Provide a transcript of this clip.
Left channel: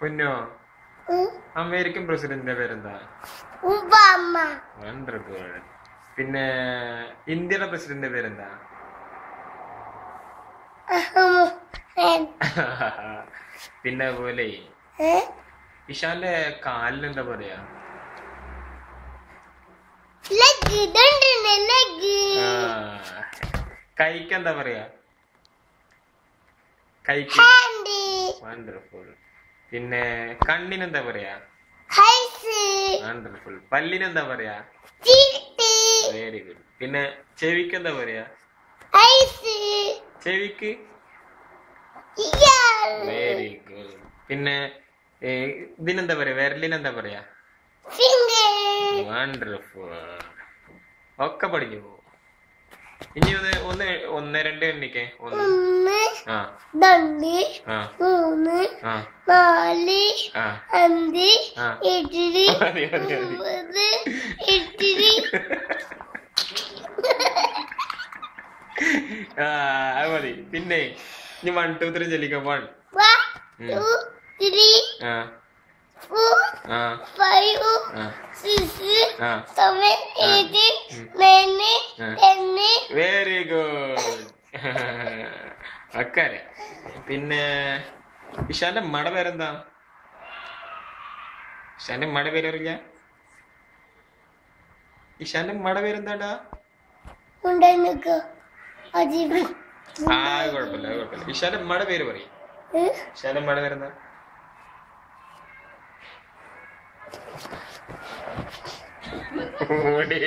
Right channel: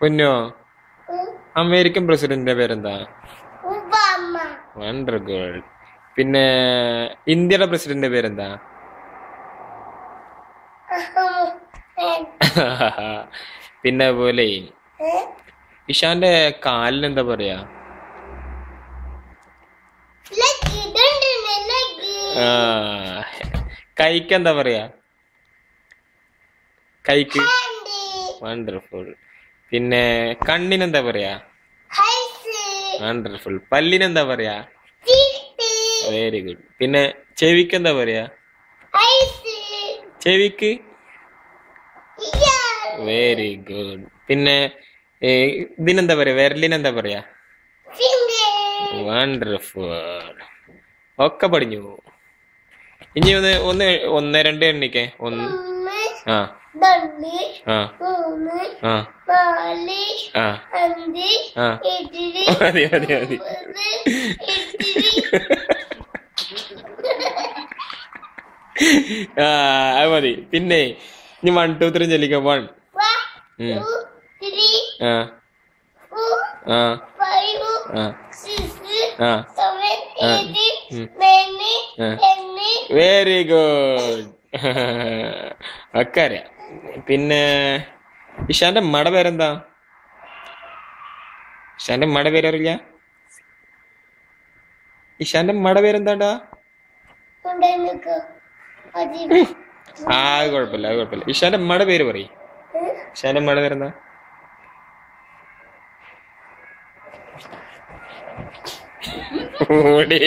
പൊന്നോ അമേരിക്കൻ പ്രസിഡന്റിന്റെ പേരെന്താ? ഒബാമ. Wonder girl. പിന്നെ ഇന്ത്യയുടെ പ്രസിഡന്റിന്റെ പേരെന്താ? പിന്നെ പോലെ ഇഷാന്റെ കാലിന് എന്താ പറയാ? കൈക്ക് എന്താ പറയാ? കൈക്ക് വണ്ടർഫുൾ. പിന്നെ കണ്ണിനെന്താ പറയാ? വണ്ടർഫുൾ. പല്ലിനെന്താ പറയാ? Very good. പിന്നെ ചെവിക്ക് എന്താ പറയാ? ചെവിക്ക് വെരി ഗുഡ്. പിന്നെ ഇതിനെന്താ പറയാ? വിരലിനെന്താ പറയാ? വണ്ടർഫുൾ. ഒക്കെ പഠിഞ്ഞു. ഇനി ഒന്ന് ഒന്ന് ഒന്ന് രണ്ട് എണ്ണിക്കേ. ഒന്ന് ആ ആ ആ ആ മതി മതി മതി. അത് മതി. പിന്നെ ഇനി 1 2 3 ചൊല്ലിക്കാം. 1 ആ ആ വെരി ഗുഡ്. ഒക്കെ അറിയാം. പിന്നെ ഇഷാന്റെ ഉമ്മയുടെ പേരെന്താ? ഇഷാന്റെ ഉമ്മയുടെ പേരറിയില്ല? ഇഷാന്റെ ഉമ്മയുടെ പേരെന്താണ്ടാ? കുഴപ്പമില്ല അത് കുഴപ്പമില്ല. ഇഷാന്റെ ഉമ്മയുടെ പേര് പറയും. ഇഷാന്റെ ഉമ്മയുടെ പേരെന്താ? ഓടേ